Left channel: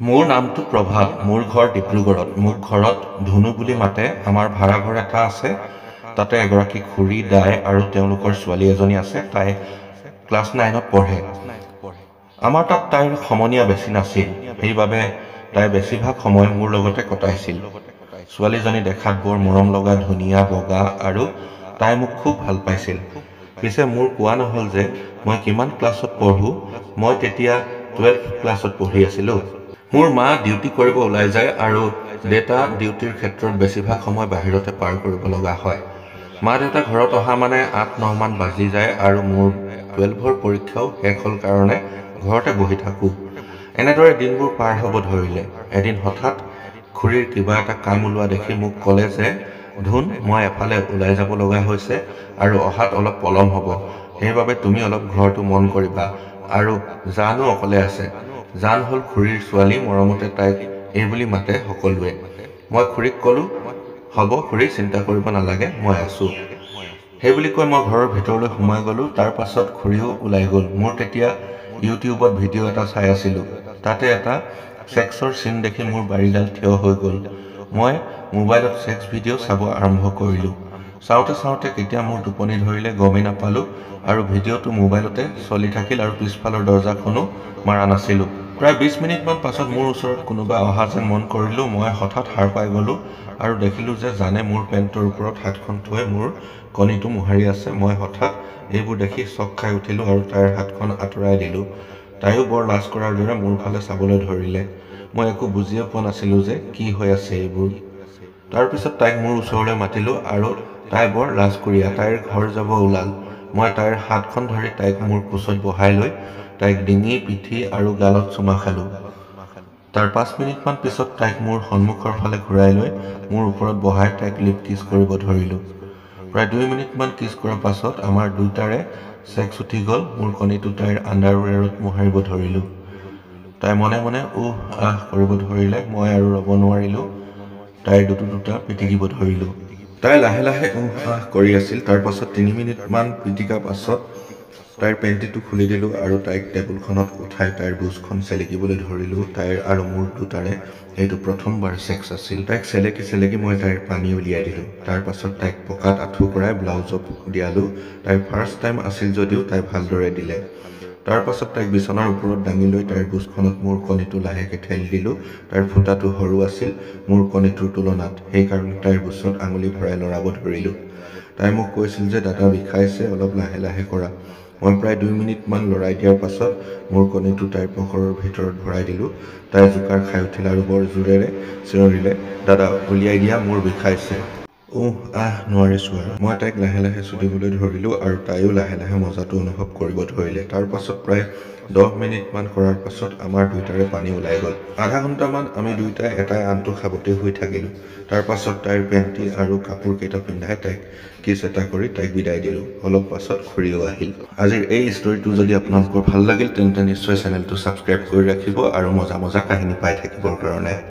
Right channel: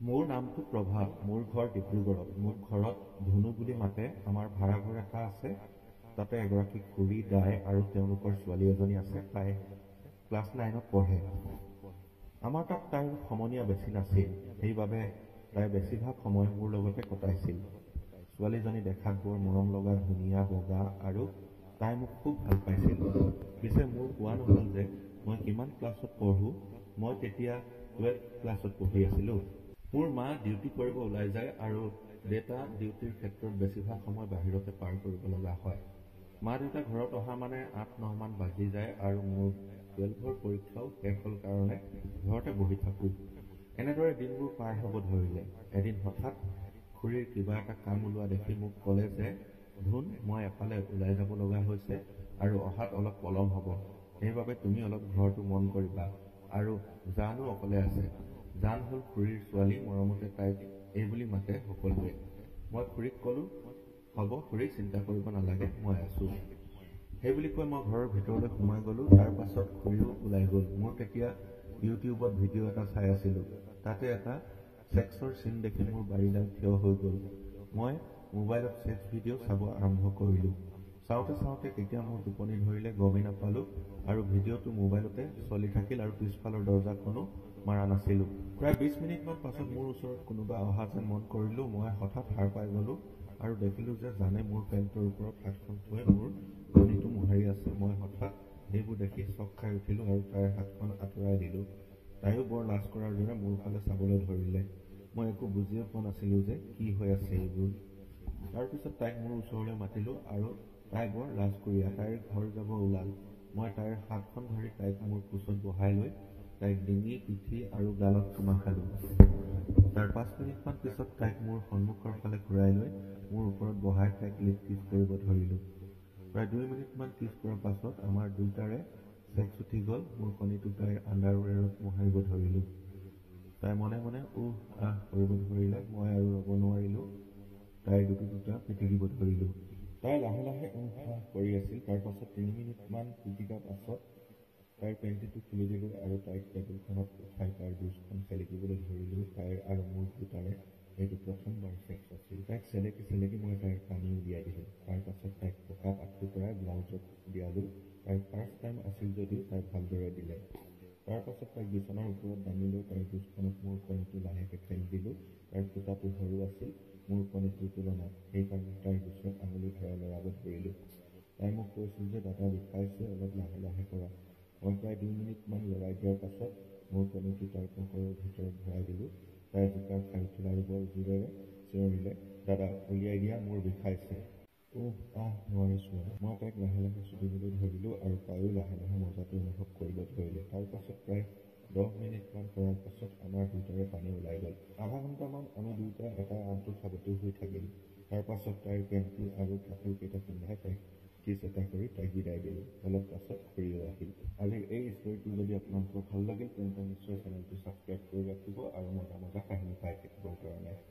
মোৰ নামটো প্ৰভাত। মোৰ ঘৰ ডিব্ৰুগড়ত। মোক ঘৰত ধুনু বুলি মাতে। আমাৰ ভাড়াঘৰ এটা আছে। তাতে এগৰাকী খুৰী, দাই আৰু তেওঁলোকৰ ছোৱালী এজনী আছে। তাই ক্লাছ 9ত পঢ়ে। আমাৰ তাত তাইৰ সমনীয়া বেছি নাছিল, সেইবাবে তাই বেছিভাগ সময় মোৰ লগতে কটাইছিল। ছোৱালীজনী দেখাত বৰ মৰম লগা, ধুনীয়া, বগা আৰু তাই মোক খুব ভাল পাইছিল। পিছে মোৰ কোৱা নহ'ল যে মই কিমান ক্লাছত পঢ়োঁ। মই তেতিয়া 12 ক্লাছত পঢ়ি আছিলোঁ। মোৰ মা ডিউটি কৰিব ওলাই যায় আৰু দেউতা ডিউটিৰ ক্ষেত্ৰত বেছিভাগ সময় বাহিৰতে পাৰ কৰিব লগা হয়। মা দেউতা ঘৰত অহা মানে 8-9 মান বাজি যায় আৰু মোৰ 12ৰ পৰীক্ষাও শেষ হ'ল কাৰণে ঘৰতে বহি থাকোঁ। এনেদৰে দিনবোৰ পাৰ হ'ব ধৰিলে। এদিন হঠাৎ খুৰীৰ কিবা এটা কাম ওলোৱা দেখি মোক ক'লে যে, ধুন, মই এফালে ওলাই যাব লগা হৈছে আৰু অহাত অলপ পলম হ'ব। সেইবাবে তুমি অলপ ঘৰটো মন কৰিবা। আৰু জানো অকলে আছে। জান হ'ল খুৰীৰ ছোৱালী, মৰমতে তাইক এইবুলি মাতে সকলোৱে। মই খুৰীক ক'লোঁ, হ'ব খুৰী, চিন্তা কৰিব নালাগে, মই আছোঁ। সেইবুলি কৈ মই ঘৰৰ ভিতৰলৈ সোমাই গ'লোঁ। তাৰ পাছত খুৰীও ওলাই গ'ল। মোৰ তেতিয়া ইউটিউবত ভিডিঅ' এটা চাই আছিলোঁ। তাতে এটা ছেক্সৰ চিন দেখি মোৰ বাৰীডাল থিয় হৈ গ'ল। মই মোবাইলত ছেক্স ভিডিঅ' চাব আৰম্ভ কৰিলোঁ। চাওঁতে চাওঁতে কেতিয়া মোৰ টোপনি ধৰিলে গমেই নাপালোঁ আৰু ভিডিঅ'টো মোবাইলতে চলি থাকিল আৰু পিছফালৰ দৰজাখনো মাৰা নাছিলোঁ। প্ৰায় 20 মিনিটমান পাছত মোৰ ওচৰত কোনোবা অহা যেন মন কৰিলোঁ। মই হঠাৎ সাৰ পাই গ'লোঁ আৰু দেখিলোঁ যে জানে মোৰ পেণ্টৰ ওপৰত হাতখন থৈ মোৰ কণীটো মোহাৰি আছে। মই হঠাৎ এইবোৰ দেখি চক খাই উঠিলোঁ আৰু তাইৰ হাতখন আঁতৰাই দিলোঁ। তাইও বৰ লাজ কৰাৰ দৰে মোৰ ফালে চাবলৈ ধৰিলে। মই একো বুজিয়ে পোৱা নাছিলোঁ যে কি হৈ আছে এইবোৰ। তাৰপিছত তাইক মোৰ ওচৰলৈ মাতিলোঁ আৰু তাই বৰ লাজকুৰীয়া। তাইৰ ঘৰ যাব ওলাল। মই তাইৰ হাতখন ধৰি তাইক মোৰ কোচত বহাই লৈ তাইক ডিঙি, পিঠি আৰু গালত চুমা খালোঁ। তাৰ 5 মিনিটমান পিছত তাইক মোৰ সন্মুখৰ ফালে ঘূৰাই লৈ মোৰ ওপৰত বহাই তাইক লিপ কিছ কৰিব ধৰিলোঁ। প্ৰায় 2 মিনিটমান কিছ কৰাৰ পাছত আমাৰ দুয়োটাৰে ছেক্স উঠি গ'ল। মোৰ কণীটো তাইৰ আণ্ডাৰৱেৰত মোহাৰিব ধৰিলোঁ। তাই মনে মনে উহ আহ কৰিব ধৰিলে। মই আৰু ৰ'ব নোৱাৰিলোঁ। তাইৰ দুটা পিটিকিব ধৰিলোঁ। তাই লাহে লাহে উহ আহ কৰি আছিল। তাৰ পাছত 3 মিনিটমান পিটিকা পাছত তাইৰ পেণ্টিটো খুলি দিলোঁ আৰু তাইক টেবুলখনত উঠাই তাইৰ বুচখন চেলেকিবলৈ ধৰিলোঁ। তাইৰ আৰু মোৰ দুটাৰে এইটো প্ৰথমবাৰ ছেক্স আছিল। তাইক চেলেকি চেলেকি মই তাইৰ পানী উলিয়াই দিলোঁ। তাৰ পাছত তাইক পকাত আঁঠু কৰাই ব্লাউজত দিয়ালোঁ। তাইৰ ফাৰ্ষ্ট টাইম আছিল যদিও তাই ভালদৰে দিলে। তাৰ পাছত তাইক বিচনাৰ ওপৰত দাঙি লৈ তাইৰ বুচখনত মোৰ কণীটো লাহেকৈ ঠেলি দিলোঁ। তাইৰ ফুটাটো সৰু আছিল মোৰ কণীটোৰ তুলনাত, সেইকাৰণে তাইৰ বুচত আঙুলি ভৰাই লৰাব ধৰিলোঁ। তাই মোক কৈছিল যে দাদা বিষাইছে, অলপ লাহে লাহে কৰা। মই প্ৰায় 2 মিনিটমান লৰাই দিয়াৰ পাছত মোৰ কণীটো তাইৰ পকৰৰ ভিতৰত ভৰাই দিলোঁ। তাই জোকাৰ খাই উঠিল আৰু বৰ জোৰেৰে চিঞৰিলে, দাদা উলিয়াই দিয়া, মোৰ বিষাইছে। উহ আহ নোৱাৰিছোঁ আৰু। মই তাইক লাহে লাহে চুদিবলৈ ধৰিলোঁ আৰু তাইও লাহে লাহে মজাটো অনুভৱ কৰিব ধৰিলে। তাৰ পাছত প্ৰায় 10 মিনিটমান কৰাৰ পাছত আমাৰ দুয়োটাৰে পানী ওলাই গ'ল। আধা ঘণ্টামান আমি দুয়োটাই এটাই আনটো সাৱটি হৈ থাকিলোঁ। তাৰ পাছত তাইৰ পেণ্টি আৰু কাপোৰ কেইটা পিন্ধাই তাইক কিছ এটা কৰি তাইক বিদায় দিলোঁ। অলপ পাছত খুৰীও আহিল। আজিৰ এই ষ্টৰিটো যদি আপোনালোকৰ ভাল লাগিল তেন্তে নিশ্চয় চেনেলটো ছাবস্ক্ৰাইব কৰি ৰাখিব আৰু মজা মজা কাহিনী পাই থাকিবৰ কাৰণে।